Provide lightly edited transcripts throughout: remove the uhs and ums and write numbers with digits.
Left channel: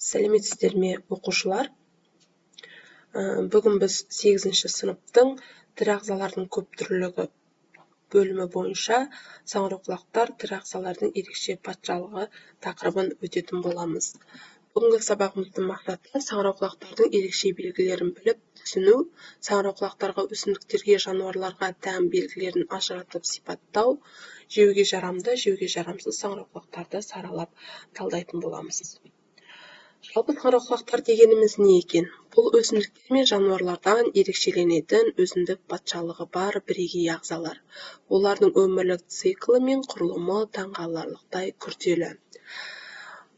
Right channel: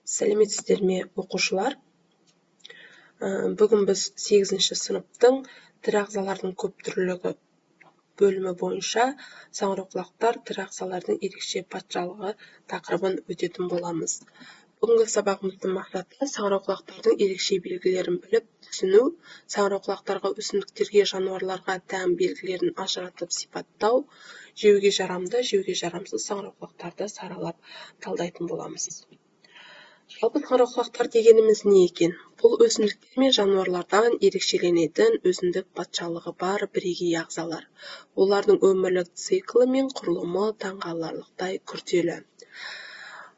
Сәлеметсіздер ме, оқушылар? Бүгін біз 8-ші сыныптың тірі ағзалардың көп түрлілігі бөлімі бойынша саңырауқұлақтар тірі ағзалардың ерекше патшалығы тақырыбын өтетін боламыз. Бүгінгі сабағымыздың мақсаты саңырауқұлақтардың ерекше белгілерін біліп түсіну, саңырауқұлақтарға, өсімдіктерге, жануарларға тән белгілерін ажыратып сипаттау, жеуге жарамды, жеуге жарамсыз саңырауқұлақтарды саралап талдайтын боламыз. Жалпы саңырауқұлақтар дегеніміз не екен? Бұл өсімдіктер мен жануарлардан ерекшеленетін өзіндік патшалығы бар бірегей ағзалар. Олардың өмірлік циклі мен құрылымы таңқаларлықтай күрделі.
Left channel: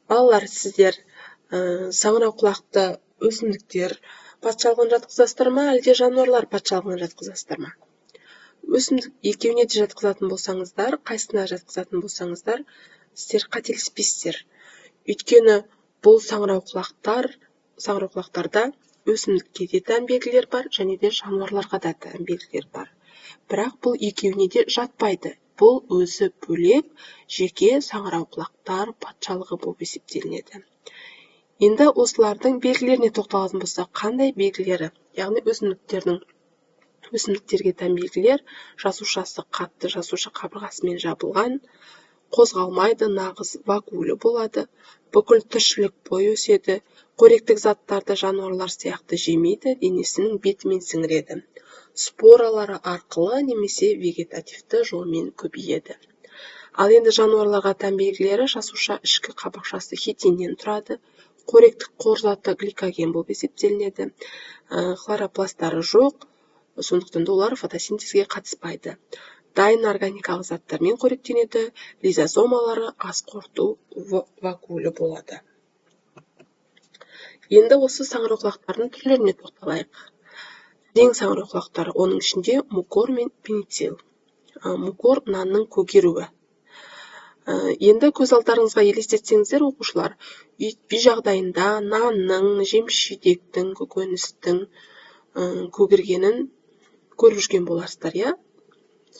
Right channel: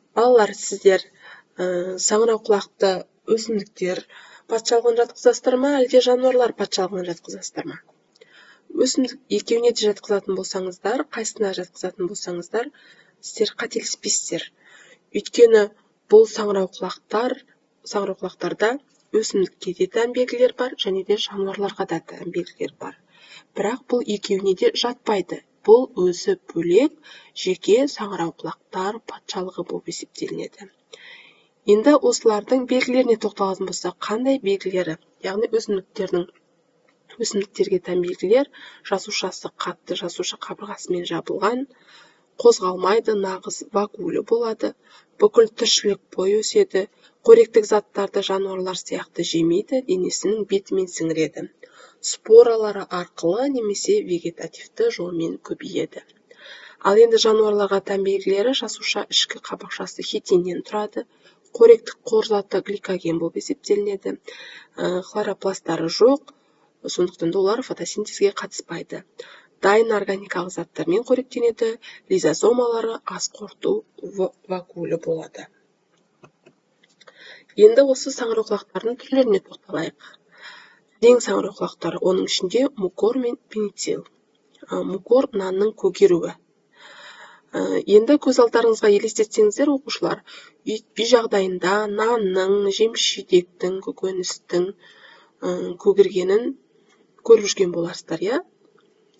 Балалар, сіздер саңырауқұлақты өсімдіктер патшалығына жатқызасыздар ма, әлде жануарлар патшалығына жатқызасыздар ма? Өсімдік екеуіне де жатқызатын болсаңыздар, қайсысына жатқызатын болсаңыздар, сіздер қателеспейсіздер. Өйткені бұл саңырауқұлақтарда өсімдікке де тән белгілер бар, және де жануарларға да тән белгілер бар. Бірақ бұл екеуіне де жатпайды. Бұл өзі бөлек жеке саңырауқұлақтар патшалығы болып есептелінеді. Енді осылардың белгілеріне тоқталатын болсақ, қандай белгілері? Яғни өсімдіктерге тән белгілер: жасушасы қатты жасуша қабырғасымен жабылған, қозғалмайды, нағыз вакуолі болады, бүкіл тіршілік бойы өседі, қоректік заттарды жануарлар сияқты жемейді, денесінің бетімен сіңіреді. Споралары арқылы немесе вегетативті жолмен көбейеді. Ал енді жануарларға тән белгілері: жасуша ішкі қабырғасы хитиннен тұрады, қоректік қоржаты гликоген болып есептелінеді, хлоропласттары жоқ, сондықтан олар фотосинтезге қатыспайды. Дайын органикалық заттармен қоректенеді, лизозомалары ас қорыту вакуолі болады. Енді осы саңырауқұлақтардың түрлеріне тоқталайық. Дең саңырауқұлақтары, оның ішінде мукор мен пеницилл. Мукор нанның көгеруі. Енді көз алдарыңызға елестетсеңіздер, оқушылар, үй жағдайында нанның, жеміс-жидектің, көкөністің көгергенін көріп жүрген боларсыздар, иә?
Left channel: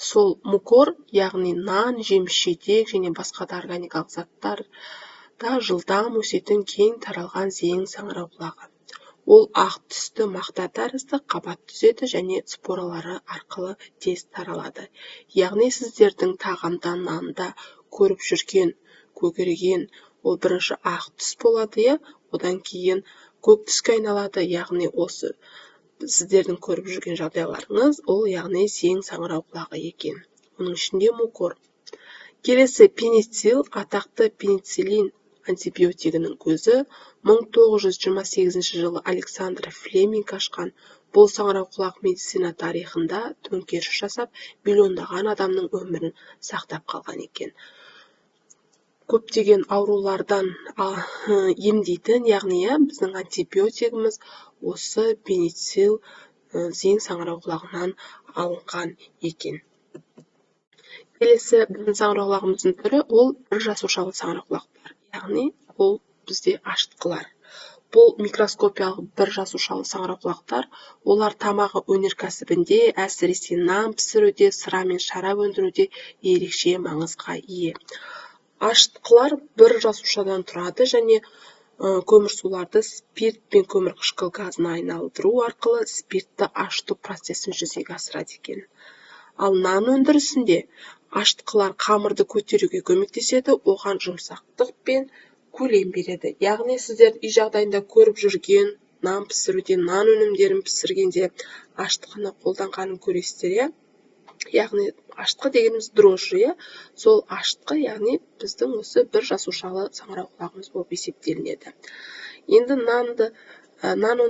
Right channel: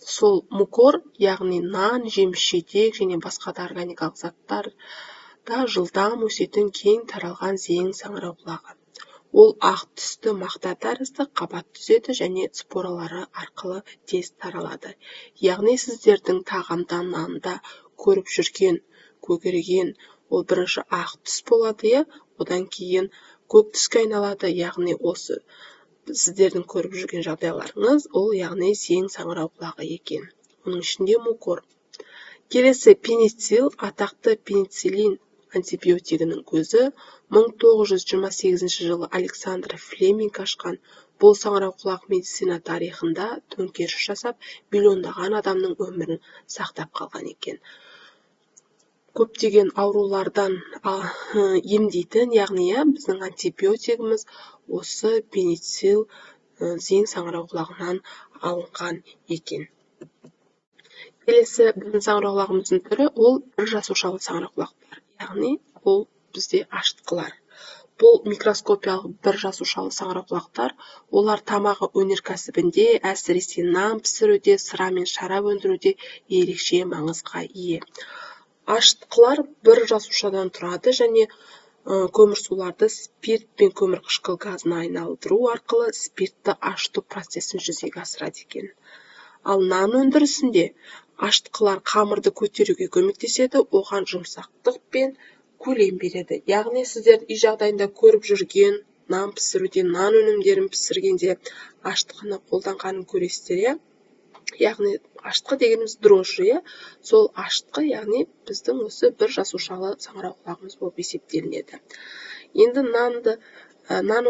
Сол мукор, яғни нан, жеміс-жидек және басқа да органикалық заттарда жылдам өсетін кең таралған зең саңырауқұлағы. Ол ақ түсті мақта тәрізді қабат түседі және споралары арқылы тез таралады. Яғни сіздердің тағамда, нанда көріп жүрген көгерген ол бірінші ақ түс болады, одан кейін көк түске айналады, яғни осы сіздердің көріп жүрген жағдайларыңыз, ол яғни зең саңырауқұлағы екен. Оның ішінде мукор. Келесі пеницилл, атақты пенициллин антибиотигінің көзі 1928 жылы Александр Флеминг ашқан. Бұл саңырауқұлақ медицина тарихында төңкеріс жасап, миллиондаған адамның өмірін сақтап қалған екен. Көптеген аурулардан емдейтін, яғни біздің антибиотигіміз осы пеницилл зең саңырауқұлағынан алынған екен. Келесі біздің саңырауқұлағымыздың түрі ол бір жасушалы саңырауқұлақтар, яғни ол бізде ашытқылар. Бұл микроскопиялық бір жасушалы саңырауқұлақтар, олар тамақ өнеркәсібінде, әсіресе нан пісіруде, сыра мен шарап өндіруде ерекше маңызға ие. Ашытқылар бір жасушадан тұрады және көмірсуларды спирт пен көмірқышқыл газына айналдыру арқылы спиртті ашыту процесін жүзеге асырады екен. Ал нан өндірісінде ашытқылар қамырды көтеруге көмектеседі, оған жұмсақтық пен көлем береді. Яғни сіздер үй жағдайында көріп жүрген нан пісіруде, нан өнімдерін пісіргенде ашытқыны қолданғанын көресіздер. Яғни ашытқы дегеніміз дрожжи, сол ашытқы, яғни біздің осы бір жасушалы саңырауқұлағымыз болып есептелінеді. Енді нан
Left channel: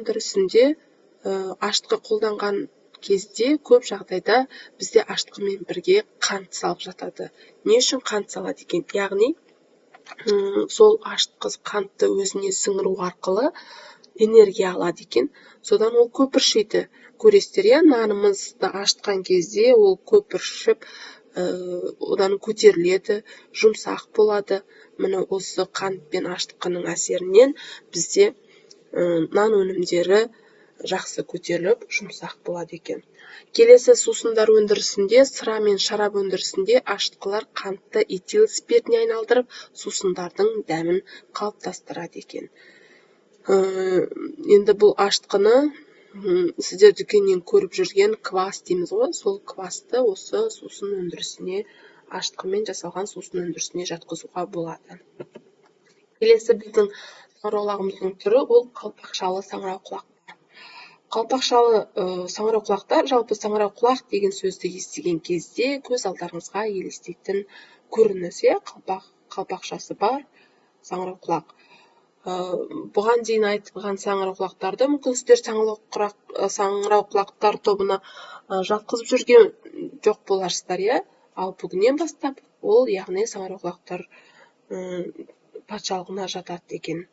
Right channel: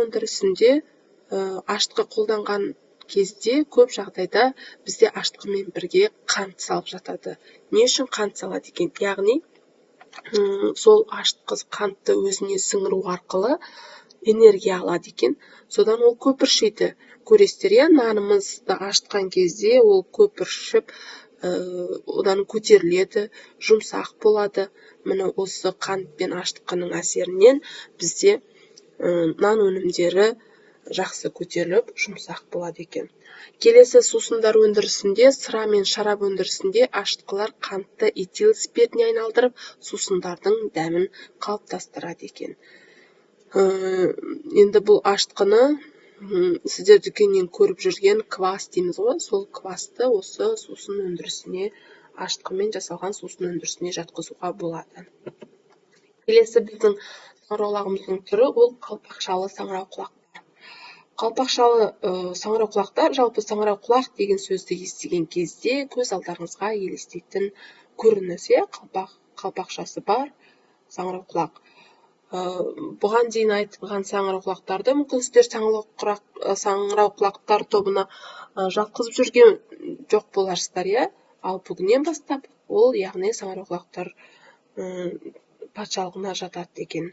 өндірісінде ашытқы қолданған кезде көп жағдайда бізде ашытқымен бірге қант салып жатады. Не үшін қант салады екен? Яғни сол ашытқы қантты өзіне сіңіру арқылы энергия алады екен. Содан ол көпіршиді. Көресіздер, нанымызды ашытқан кезде ол көпіршіп, одан көтеріледі, жұмсақ болады. Міне осы қант пен ашытқының әсерінен бізде нан өнімдері жақсы көтеріп, жұмсақ болады екен. Келесі сусындар өндірісінде, сыра мен шарап өндірісінде ашытқылар қантты этил спиртіне айналдырып, сусындардың дәмін қалыптастырады екен. Енді бұл ашытқыны сіздер дүкеннен көріп жүрген квас дейміз ғой, сол квасты осы сусын өндірісіне, ашытқымен жасалған сусын өндірісіне жатқызуға болады. Келесі біздің саңырауқұлағымыздың түрі бұл қалпақшалы саңырауқұлақ. Қалпақшалы саңырауқұлақтар, жалпы саңырауқұлақ деген сөзді естіген кезде көз алдарыңызға елестейтін көрініс, қалпақшасы бар саңырауқұлақ. Бұған дейін айтылған саңырауқұлақтарды мүмкін сіздер саңырауқұлақтар тобына жатқызып жүрген жоқ боларсыздар, ал бүгіннен бастап ол, яғни саңырауқұлақтар патшалығына жатады екен.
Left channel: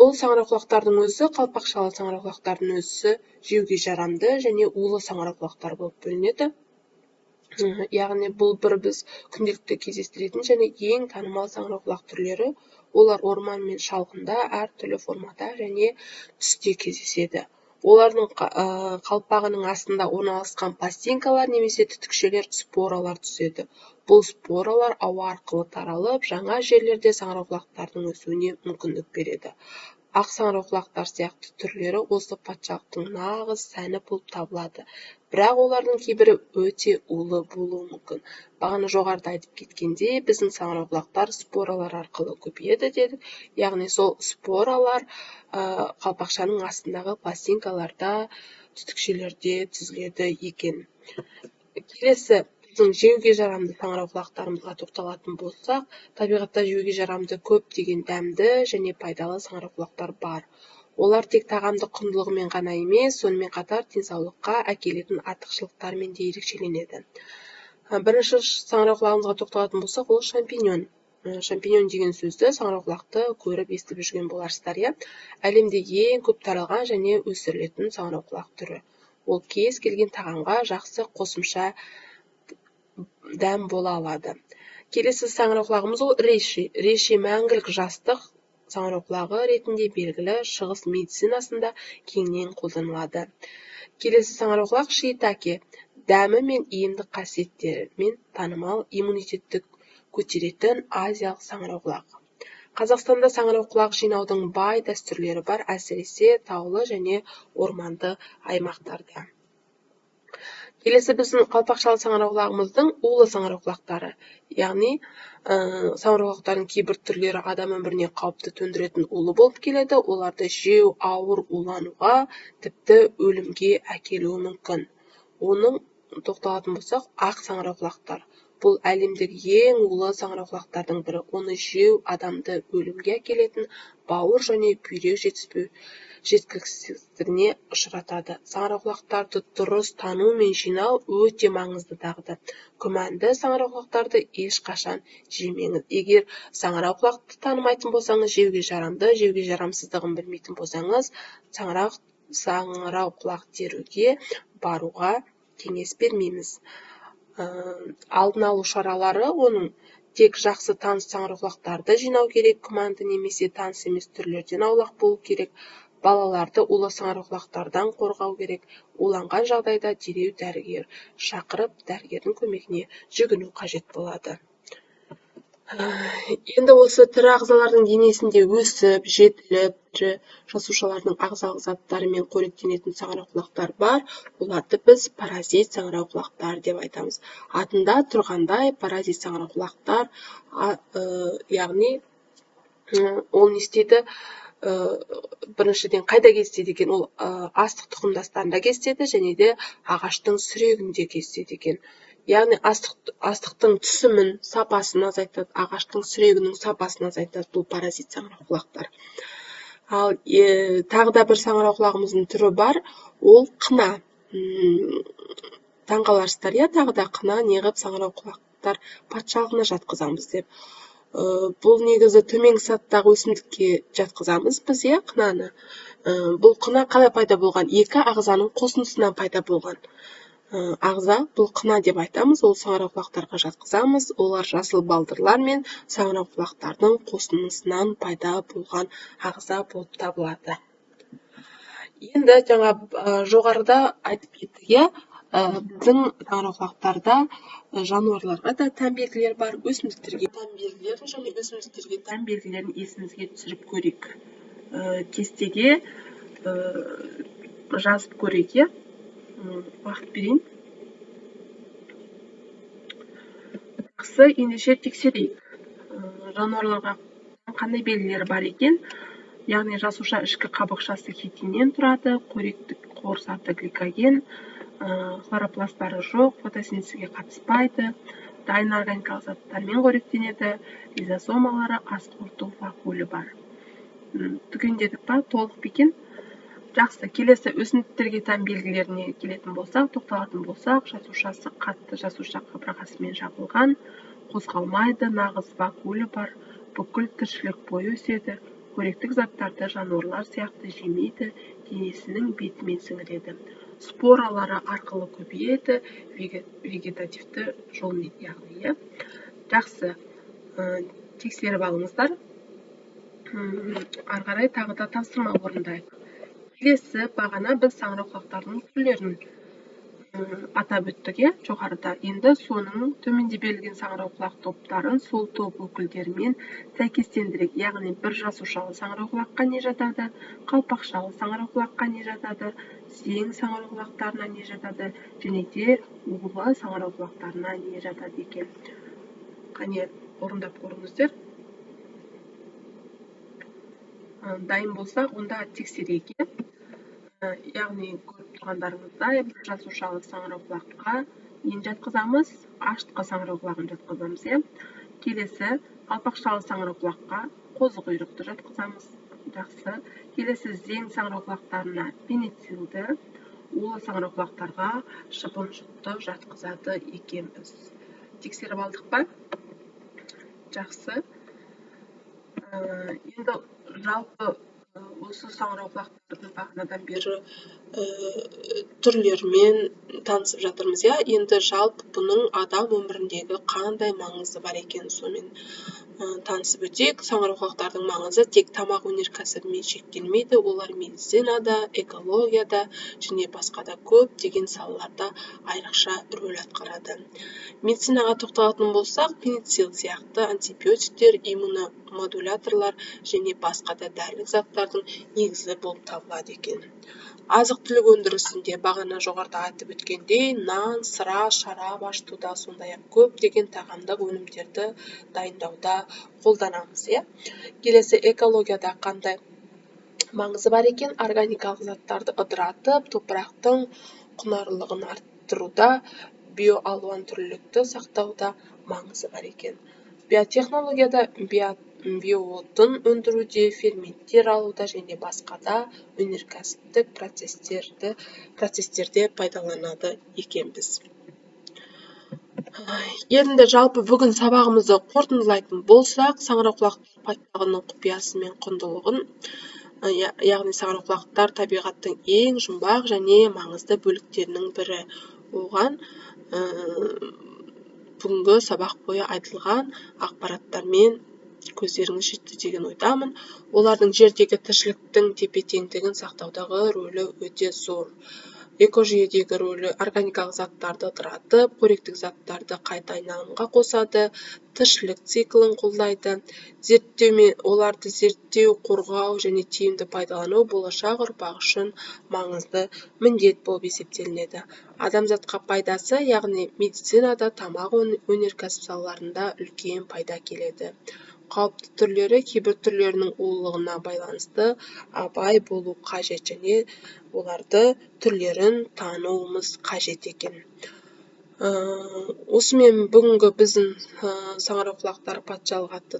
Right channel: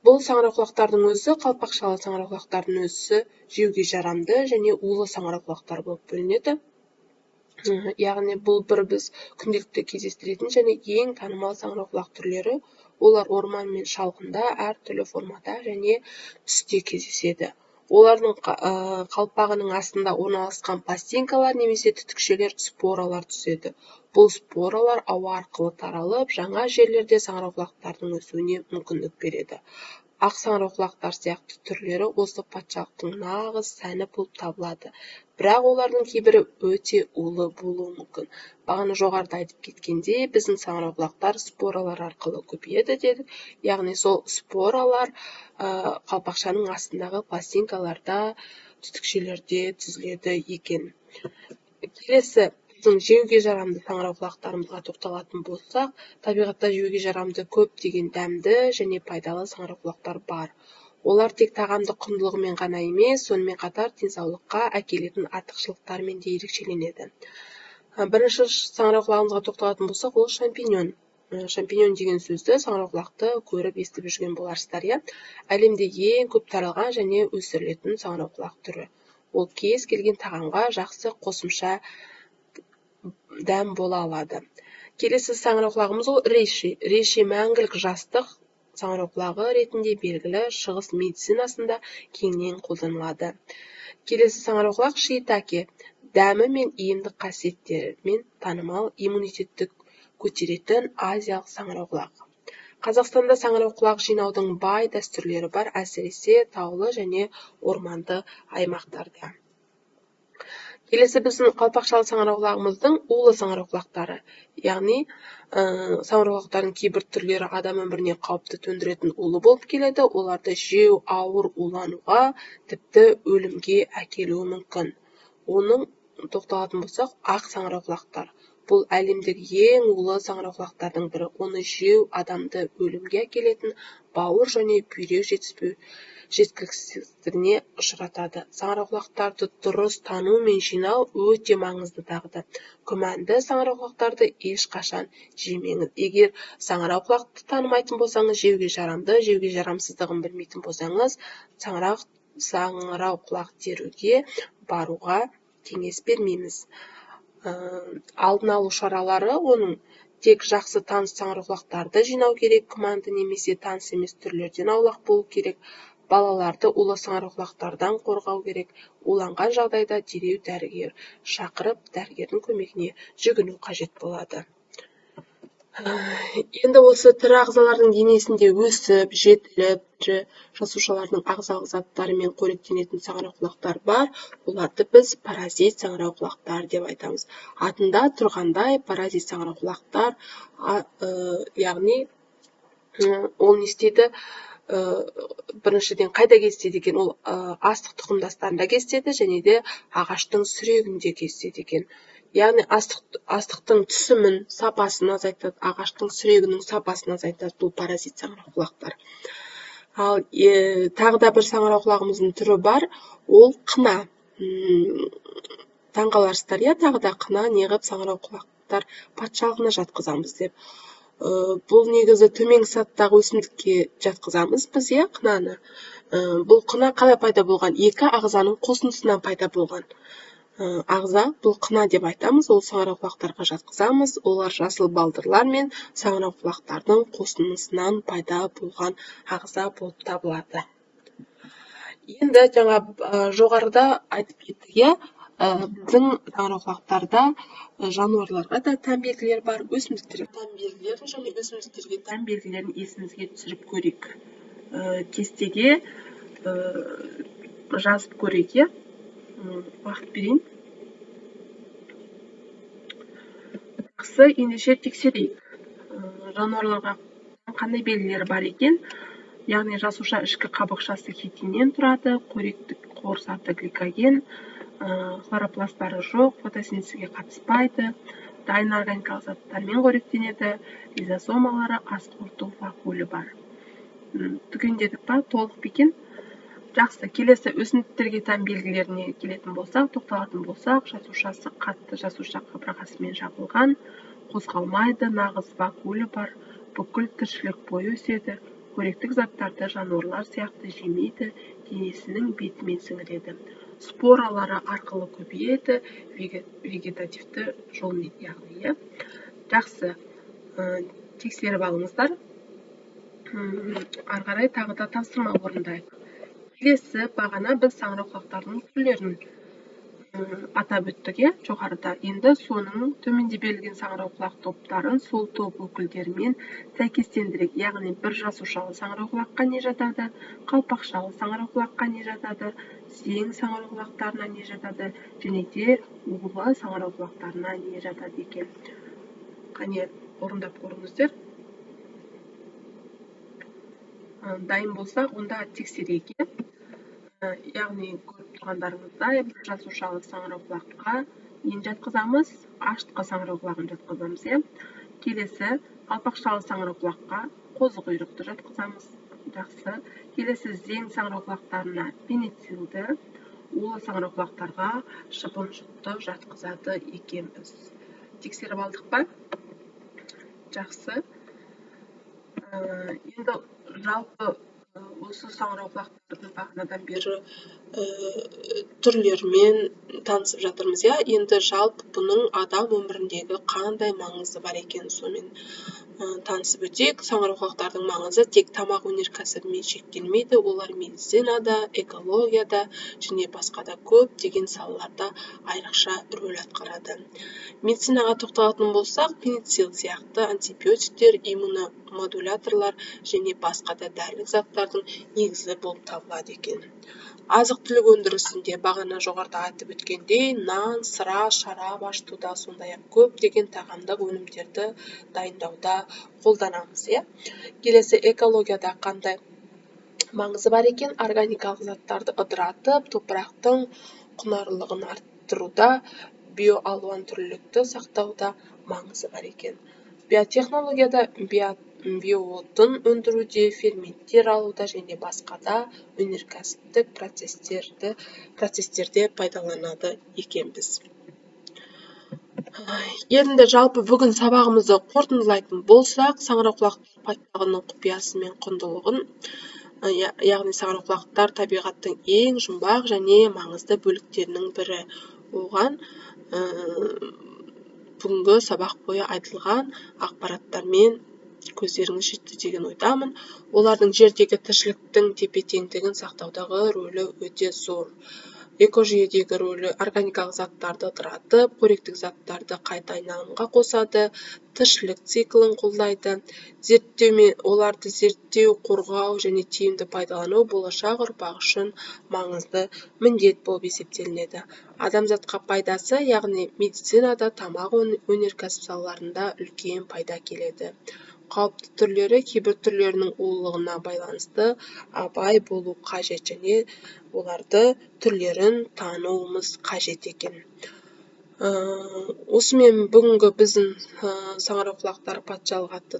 Бұл саңырауқұлақтардың өзі, қалпақшалы саңырауқұлақтардың өзі жеуге жарамды және улы саңырауқұлақтар болып бөлінеді. Яғни бұл біз күнделікті кездестіретін және ең танымал саңырауқұлақ түрлері. Олар орман мен шалғында әртүрлі формада және түсте кездеседі. Олардың қалпағының астында орналасқан пластинкалар немесе түтікшелер споралар түседі. Бұл споралар ауа арқылы таралып, жаңа жерлерде саңырауқұлақтардың өсуіне мүмкіндік береді. Ақ саңырауқұлақтар сияқты түрлері осы патшалықтың нағыз сәні болып табылады. Бірақ олардың кейбірі өте улы болуы мүмкін. Бағана жоғарыда айтып кеткендей, біздің саңырауқұлақтар споралар арқылы көбейеді деді. Яғни сол споралар қалпақшаның астындағы пластинкаларда, түтікшелерде түзіледі екен. Келесі жеуге жарамды саңырауқұлақтарымызға тоқталатын болсақ, табиғатта жеуге жарамды көптеген дәмді және пайдалы саңырауқұлақтар бар. Олар тек тағамдық құндылығымен ғана емес, сонымен қатар денсаулыққа әкелетін артықшылықтарымен де ерекшеленеді. Бірінші саңырауқұлағымызға тоқталатын болсақ, ол шампиньон. Шампиньон деген сөзді саңырауқұлақты көріп естіп жүрген боларсыздар. Әлемде ең көп таралған және өсірілетін саңырауқұлақ түрі. Ол кез келген тағамға жақсы қосымша дәм бола алады. Келесі саңырауқұлағымыз ол реши. Реши мәңгілік жастық саңырауқұлағы ретінде белгілі шығыс медицинасында кеңінен қолданылады. Келесі саңырауқұлақ шиитаке. Дәмі мен емдік қасиеттерімен танымал, иммунитетті көтеретін азиялық саңырауқұлақ. Қазақстанда саңырауқұлақ жинаудың бай дәстүрлері бар, әсіресе таулы және орманды аймақтарда. Келесі біздің қалпақшалы саңырауқұлағымыздың улы саңырауқұлақтары. Яғни саңырауқұлақтардың кейбір түрлері адам өміріне қауіпті төндіретін улы болып келеді. Оларды жеу ауыр улануға, тіпті өлімге әкелуі мүмкін. Оның тоқталатын болсақ, ақ саңырауқұлақтар. Бұл әлемдегі ең улы саңырауқұлақтардың бірі. Оны жеу адамды өлімге әкелетін, бауыр және күйде жеткіліксіздігіне ұшыратады. Саңырауқұлақтарды дұрыс тану мен жинау өте маңызды дағдылар. Күмәнді саңырауқұлақтарды ешқашан жемеңіз. Егер саңырауқұлақты танымайтын болсаңыз, жеуге жарамды, жеуге жарамсыздығын білмейтін болсаңыз, саңырауқұлақ теруге баруға кеңес бермейміз. Алдын алу шаралары оның тек жақсы таныс саңырауқұлақтарды жинау керек, күмәнді немесе таныс емес түрлерден аулақ болу керек, балаларды улы саңырауқұлақтардан қорғау керек, уланған жағдайда дереу дәрігер шақырып, дәрігердің көмегіне жүгіну қажет болады. Енді осы тірі ағзалардың денесінде өсіп, жетіліп, жасушалардың ағзалық заттарымен қоректенетін саңырауқұлақтар бар. Оларды біз паразит саңырауқұлақтар деп айтамыз. Атында тұрғандай паразит саңырауқұлақтар, яғни оның істеді біріншіден қайда кездеседі екен, ол астық тұқымдастарында кездеседі және де ағаштың сүрегінде кездеседі екен. Яғни астықтың түсімін, сапасын азайтады, ағаштың сүрегінің сапасын азайтады бұл паразит саңырауқұлақтар. Ал тағы да бір саңырауқұлағымыздың түрі бар, ол қына. Таңқаларсыздар, тағы да қына неғып саңырауқұлақтар патшалығына жатқызамыз деп. Бұл негізі төменгі сатыдағы өсімдікке жатқызамыз біз, қынаны. Бұл қына қалай пайда болған? Екі ағзаның қосылысынан пайда болған ағза, бұл қына деп айтамыз, ол саңырауқұлақтарға жатқызамыз. Олар жасыл балдырлар мен саңырауқұлақтардың қосылысынан пайда болған ағза болып табылады. Енді жоғарыда айтып кеттік, біздің саңырауқұлақтарда жануарларға да тән белгілер бар, өсімдіктерге тән белгілерін және өсімдіктерге тән белгілерін есімізге түсіріп көрейік. кестеге жазып көрейік, иә? Уақыт берейін. Жақсы, ендеше тексерейік. Жануарларға қандай белгілері бар екен? Яғни жасуша ішкі қабықшасы хитиннен тұрады, қоректік қуырсаты гликоген, хлоропласттары жоқ, фотосинтезге қатыспайды, дайын органикалық заттармен қоректенеді, лизосомалары ас қорыту вакуолі бар. Түгендедік па? Толық па екен? Жақсы, келесі өсімдіктерге тән белгілеріне келетін болсақ, тоқталатын болсақ, жасушасы қатты жасуша қабырғасымен жабылған, қозғалмайды, нағыз вакуолі бар, бүкіл тіршілік бойы өседі, қоректік заттарды жануарлар сияқты жемейді, денесінің бетімен сіңіреді. Споралары арқылы көбейеді, вегетативті жолмен, яғни. Жақсы, тексеріп алыңыздар. Ары қарай тағы да тапсырма орындайық. Келесі бағана біз саңырауқұлақтардың түрлерін атап өттік, жоғарыда. Енді соның төменде берілген саңырауқұлақ топтарын сол топ өкілдерімен сәйкестендірейік. Яғни бір жасушалы саңырауқұлаққа не жатады, қалпақшалы саңырауқұлаққа не жатады, зең саңырауқұлақтарына не жатады, және де улы саңырауқұлақтарына не жатады екен. Қане, орындап көріңіздер. Дайын болса, онда тексерейік. Яғни көріп тұрғандарыңыздай, бір жасушалы саңырауқұлаққа нені жатқызамыз? Аштықы саңырауқұлағын жатқызамыз. Келесі қалпақшалы саңырауқұлаққа қозықұйрықты жатқызамыз. Жақсы. Келесі зең саңырауқұлақтарына пенициллді, улы саңырауқұлақтарға шыбын-жұтты жатқызады екенбіз. Тексеріп алдық па? Жақсы. Енді жалпы осы саңырауқұлақтардың бағанадан бері түрлерімен танысып жатырмыз. Енді жалпы бұның адам өміріндегі қандай маңызы бар екен, сомен танысып өтейік. Саңырауқұлақтардың маңызы тек тамақ өнеркәсібімен шектелмейді, олар медицинада, экологияда және басқа да көптеген салаларда айрықша рөл атқарады. Медицинаға тоқталатын болсақ, пеницилл сияқты антибиотиктер, иммуномодуляторлар және басқа да дәрілік заттардың негізі болып табылады екен. Азық-түлік өндірісінде бағана жоғарыда айтып өткендей, нан, сыра, шарап ашытуда, сондай-ақ көптеген тағамдық өнімдерді дайындауда қолданамыз. Келесі экологияда қандай маңызы бар екен? Органикалық заттарды ыдыратып, топырақтың құнарлылығын арттыруда, биоалуантүрлілікті сақтауда маңызы бар екен. Биотехнологияда биоотын өндіруде, ферменттер алуда және басқа да өнеркәсіптік процестерде пайдаланады екенбіз. Енді жалпы бүгін сабағымызды қорытындылайтын болсақ, саңырауқұлақтар патшалығының құпиясы мен құндылығын, яғни саңырауқұлақтар табиғаттың ең жұмбақ және маңызды бөліктерінің бірі. Оған бүгінгі сабақ бойы айтылған ақпараттармен көздеріңіз жетті деген ойдамын. Олардың жердегі тіршіліктің тепе-теңдігін сақтаудағы рөлі өте зор. Экожүйедегі рөлі органикалық заттарды ыдыратып, қоректік заттарды қайта айналымға қосады, тіршілік циклін қолдайды. Оларды зерттеу, қорғау және тиімді пайдалану болашақ ұрпақ үшін маңызды міндет болып есептелінеді. Адамзатқа пайдасы, яғни медицинада, тамақ өнеркәсіп салаларында үлкен пайда келеді. Қауіпті түрлері кейбір түрлерінің улылығына байланысты абай болу қажет және оларды түрлерін тануымыз қажет екен. Осымен бүгінгі біздің саңырауқұлақтар патшалығы атты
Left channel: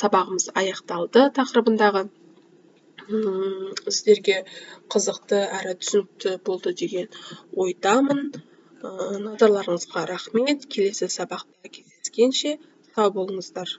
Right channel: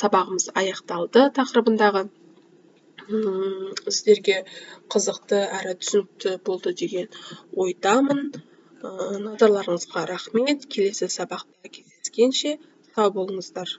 сабағымыз аяқталды. Тақырыбындағы сіздерге қызықты әрі түсінікті болды деген ойдамын. Назарларыңызға рахмет. Келесі сабақта кездескенше сау болыңыздар.